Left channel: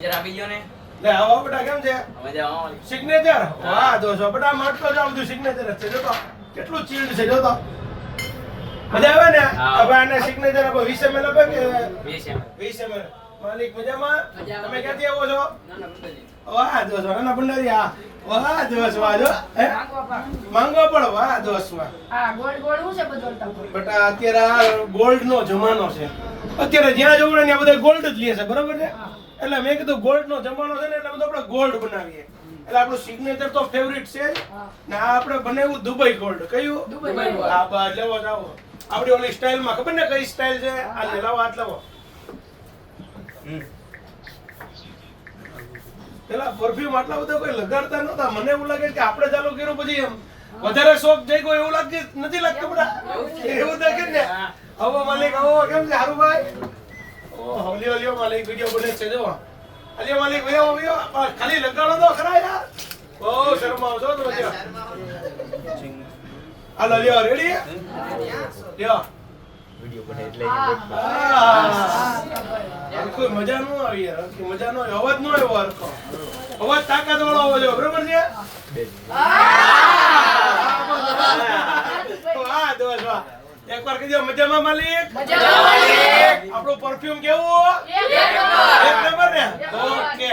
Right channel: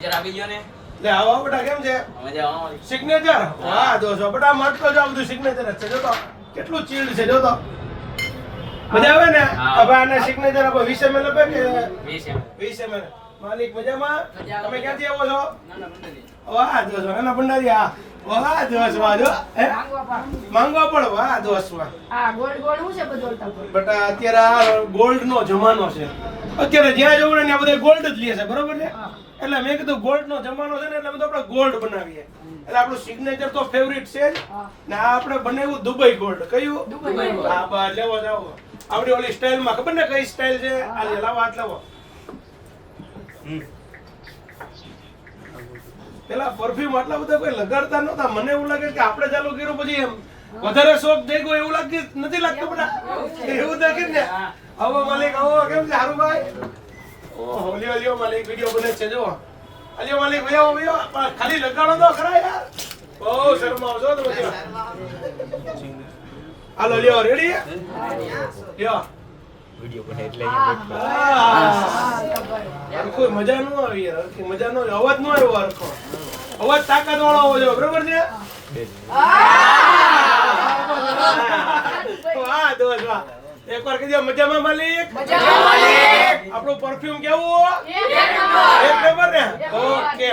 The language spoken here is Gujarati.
જરા આવી ગયો ને લે આવો બેટા કેમ છે મજા આવો સિગ્નેચર વાહ દોસ્તો બેટા મારતો જાવ બધું સિગ્નેચર જ છે જો તો કેટલું ચીલ્ડ છે જો તો મજા આવે ને હવે આને સિગ્નેચર આપો 20 ml આપે કે 20 ml માલિક મજામાં તમે ક્યાંથી આવો છો વાહ દોસ્તો નાના ભંડારી આ વાહ દોસ્ત વાહ જો માંગવા પણ વાહ દોસ્ત વાહ આ ગોળ ગોળ હું છે બદલતા બેટા અત્યારે ગોલ્ડ નો જમાનો છે અત્યારે જ્યાં જોવો ને બધા ગોલ્ડ જ લે છે બરોબર છે એટલે મેં કીધું ગોલ્ડ નો જમાનો છે ને એટલે બધું આપણે ગોલ્ડ બનાવીએ એટલે આપણું સિગ્નેચર તો ફેવરિટ છે જ ને આ આપણે બનાવ્યું દુબઈ ગોલ્ડ કયું દુબઈ ગોલ્ડ હા બસ લેવો જાવ આપણી ઓલી સ્ટાઇલ માં ખબર ને કઈ સ્ટાઇલ છે આ લે લાવો હાથ લાવો પેલા પરફ્યુમ આટલા બધા કોઈ લગાડતા નહોતા મને એવું લાગે કે આપણે ચાલુ કર્યું પછી એમ વધારે શોખ થઈ ગયો એવું લાગે નથી લાગતું બડા એવું તો કેમ ને આવો માલિક આવો કેમ છે હારું ભાઈ ઓહો લ્યો માલિક વિડિયો બને છે જો અલ્યો માલિક વ્યો ખાલી લગાડો તો ખરા યાર બહુ શરમાવ છો તો પછી હાલો લ્યો રેડી લ્યો વિડિયો બને એટલે કોઈ મજા નો આવી યાર મજા નો અવાજ નો આવ્યો હરખો અવાજ તાકાત વાળો હોવો જોઈએ બરોબર છે વાહ દોસ્ત વાહ એકવાર કહી દો મજામાં માલિક આપણું પરફ્યુમ કેવું એક નંબર ને ઓકે